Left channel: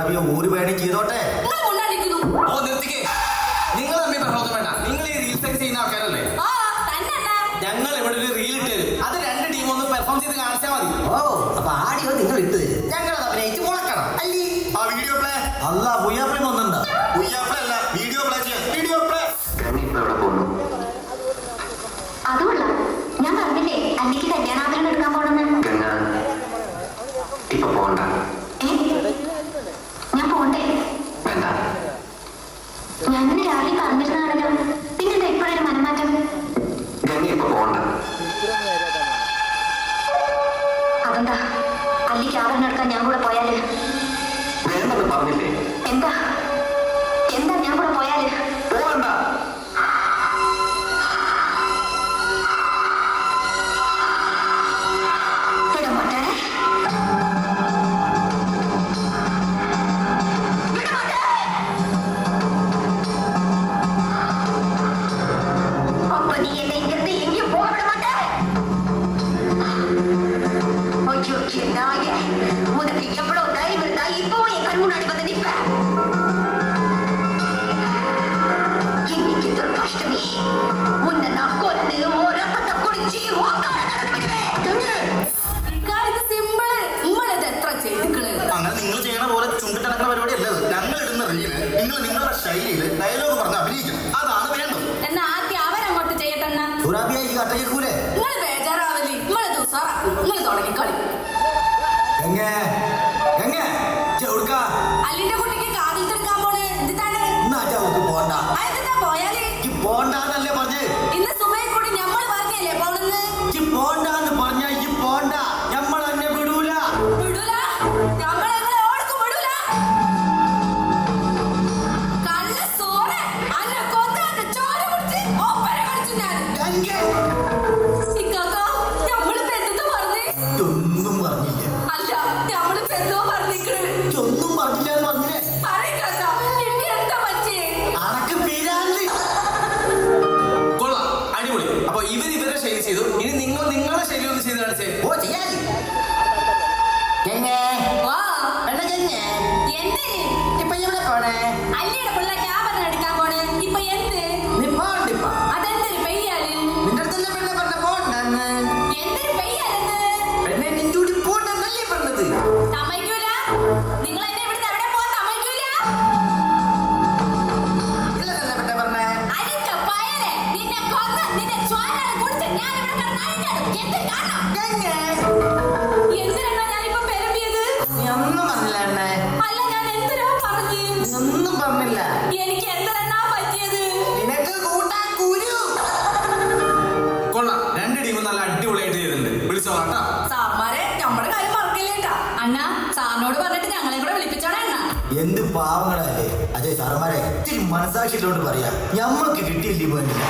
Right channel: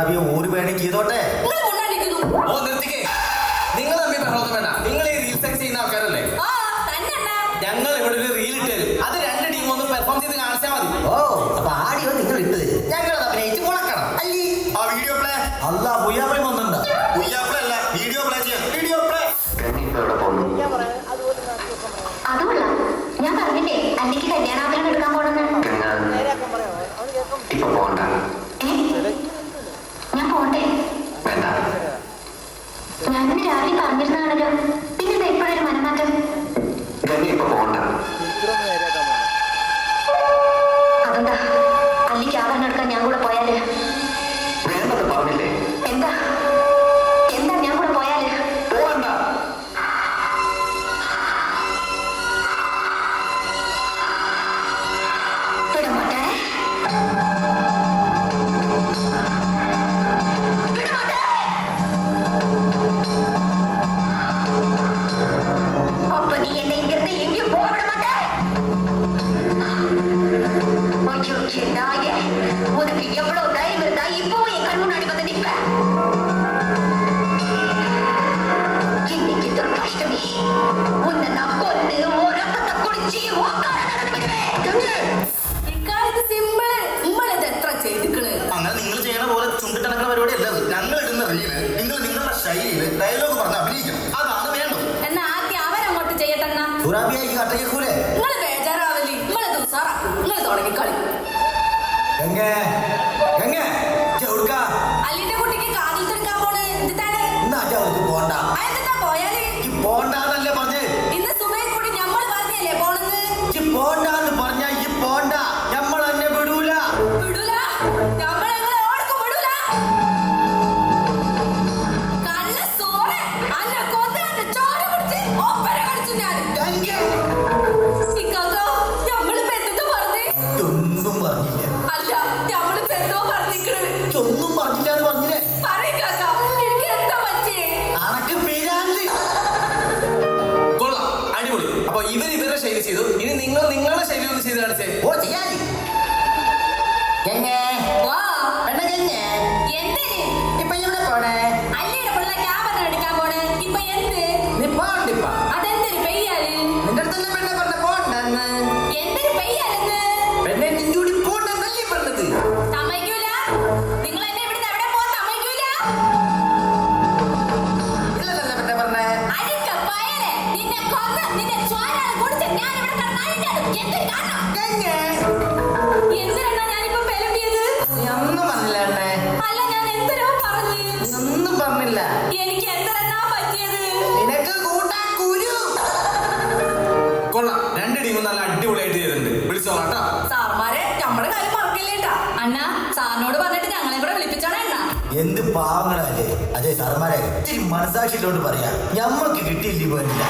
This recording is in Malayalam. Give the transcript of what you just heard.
സുറാബിയെ ഊര് വേണം ചെയ്തോട്ടെ. ഓ നിർത്തിക്കേ, നിങ്ങൾ തമ്മിൽ പറഞ്ഞൊന്നും വേണ്ട. നിങ്ങൾ ഈ റീൽസ് ഒക്കെ ചെയ്യുന്ന ആൾക്കാരല്ലേ? ഞങ്ങൾ ഇവിടെ ഒരു റീൽ ഇട്ട് തരും, അത് രണ്ട് ടീം ഒന്ന് പെർഫോം ചെയ്ത് കാണിച്ചാൽ മതി. ഓ അപ്പൊ ആടിയോ നിങ്ങൾ ഇട്ട് തരും, ഞങ്ങൾ അഭിനയിച്ച് മുളക്കണം അല്ലേ? ആ വീഡിയോ പ്ലേ അല്ല പുയ്യാപ്പളി വന്നിട്ടുണ്ടോ? പ്ലേ അല്ല, വീഡിയോ പ്ലേ ചെയ്യാം. Video play. അതുകൊള്ള ഞാൻ പറഞ്ഞില്ലേ അന്നിക്ക് കല്യാണാഭരണം എടുക്കാൻ പോണെന്ന്. ഇപ്പൊ പോണ്ട. ഞാൻ പോണ്ടേ? വേണ്ട. ഞാൻ ഇന്ന് രാവിലെ പറഞ്ഞിരുന്നാണല്ലോ, പിന്നെന്താ ഇപ്പോഴൊരു മനമാറ്റം? ഗംഗ ഇപ്പൊ പോണ്ട. അതെന്താ അല്ലിക്ക് ആഭരണം എടുക്കാൻ ഞാൻ കൂടെ പോയാല്? വേണ്ടെന്ന് പറഞ്ഞില്ലേ? എന്താ എന്താ ഞാൻ കൂടെ പോയാല്? പോകണ്ട. വിടമാട്ടെ அப்ப நீ என்னை இங்கிருந்து எங்கேயும் போக விட மாட்டே. ஐயோ நாயே, உனக்கு எவ்வளவு தைரியம் இருந்தா இப்பவும் என் கண் முன்னாடி வந்து நிப்ப? இன்னைக்கு துர்காஷ்டமி, உன்னை நான் கொண்டு உன் ரத்தத்தை குடிச்சு உக்கார நடந்துவிடுவேன். അങ്ങനെ നിങ്ങൾ ചെയ്യണ പോലെ ചുണ്ടിട്ടണക്കുന്ന പരിപാടി അല്ലത്. ഞങ്ങൾ ഇടുന്ന റീല് നിങ്ങൾ നിങ്ങളുടെ ശൈലിയിൽ ഡയലോഗ് പറഞ്ഞ് അഭിനയിക്കണം, അതാണ് വേണ്ടത്. എന്നാ ആദ്യം അവരങ്ങോട്ട് ചെയ്യട്ടെന്നാ. സുറാബിയെ ഈ കട്ടയ്ക്കൂലേ? നിങ്ങള് ബേജാറാവല്ലേ, നിങ്ങള് ദുസാറാ, നിങ്ങള് തുടങ്ങി കളി. എങ്ങേ എങ്ങേ ചെറുക്ക അല്ലിന്റെ കുട്ടിക്ക് കാതിൽ തീർക്കാൻ പോണ് എന്തിട്ടാണ്? എന്നാ ചവക്ക് പോണ്ട. അതെന്താ പോയാല്? ഈ പോണ്ടാന്നല്ലേ പറഞ്ഞ്? ഇന്ന് സുബൈ കൂടി ഞമ്മള് പറഞ്ഞല്ലേ പോണെന്ന്? ഈ പോണ്ടാന്ന് പറഞ്ഞ ഈ പോണ്ട, നമ്മൾ എന്നെ വിടൂല. വിടൂല, ഞമ്മള് നിങ്ങളെ ഓർക്കും വിടൂല. കള്ള സോറ്, അന്നെ കൊന്ന് അന്നെ ചോര കുടിച്ച് ഒപ്പന കളിച്ചു ഞാൻ. ഇക്കാക്ക, ഞമ്മളിപ്പോ എന്തെന്ന് പറഞ്ഞേ? ഒന്നും പറഞ്ഞില്ല. അല്ല, ഞമ്മളിപ്പോ എന്തോ പറഞ്ഞിക്കണ്. ഒന്നും പറഞ്ഞില്ല എന്ന് പറഞ്ഞില്ലേ? പറയിക്കാക്ക, എനിക്ക് എന്താ പറ്റിയേ? അനക്ക് പിരാന്ത്. കൊള്ളാം, അടിപൊളി. അപ്പൊ ഇവരുടെ ശൈലി ചെയ്തു, ഇനി നിങ്ങൾ നിങ്ങളുടെ ശൈലി ഒന്ന് ചെയ്ത് കാണിച്ചേ. ഓ ചെയ്യാലി. എങ്ങേ വാ, പെണ്ണെ എന്തിന്? ഇപ്പൊ എവിടെ പോണേ? അല്ലിയുടെ പിള്ളേക്ക് ആഭരണം എടുക്കാൻ പോണ്. ഇപ്പൊ എന്ത്? നീ പോണ്ടിപ്പ. അതെന്തൊരു പെയ്യാല്? നിന്റെ അടുത്ത് തന്നെ പെണ്ണെ പറഞ്ഞ പോണ്ടെന്ന്. എന്തൊരു പെയ്യാലെന്ന്? പെണ്ണെ നിഞ്ചൂടി പോണ്ടെന്നല്ലേ പറഞ്ഞത്? സമ്മതിക്കൂല? നിങ്ങൾ എന്നെ ഇവിടുന്ന് എവിടെ പോകാൻ സമ്മതിക്കൂല? ഇല്ലതല്ലേ പെണ്ണെ പറഞ്ഞേ? അരിക്ക പയരെ, നിന്നെ കൊന്ന് നിന്നെ ചോരയാണ് കുടിച്ച് ഞാൻ ഇവിടെ കിടന്ന് അഴിഞ്ഞാടും. എന്തൊരു കാരണം? എങ്ങേ എന്തിനാ ഞാനിപ്പോ പെരമ്പിയത്? നീ ഒന്നും പറഞ്ഞില്ല എണ്ണേ. അല്ല, ഞാൻ എന്തിനാ പറഞ്ഞു? നീ ഒന്നും പറഞ്ഞില്ല. എനിക്ക് എന്തിനാ പറ്റിയത്? നിനക്ക് കൂട്ടാ കുരു. കൊള്ളാം, രണ്ട് ടീമും നല്ല അടിപൊളിയായിട്ട് ചെയ്തിട്ടുണ്ട്. വിളിച്ചോളാട്ടാ. സാർമാരെ നമ്മുടെ കാര്യം മറക്കില്ലേട്ടാ. അണ്ണാ, സാറിനോട് പറഞ്ഞിട്ട് ഞങ്ങളെ കൂടെ വിളിപ്പിച്ചോടെ അണ്ണാ. എന്ത് പാവങ്ങളല്ലേ. അതെ സാറന്മാരെ, ഇത്തിരി മനസാക്ഷിയിലോട്ട് പറയാ, ഞമ്മക്ക് കിട്ടിയില്ലേ പോയില്ല.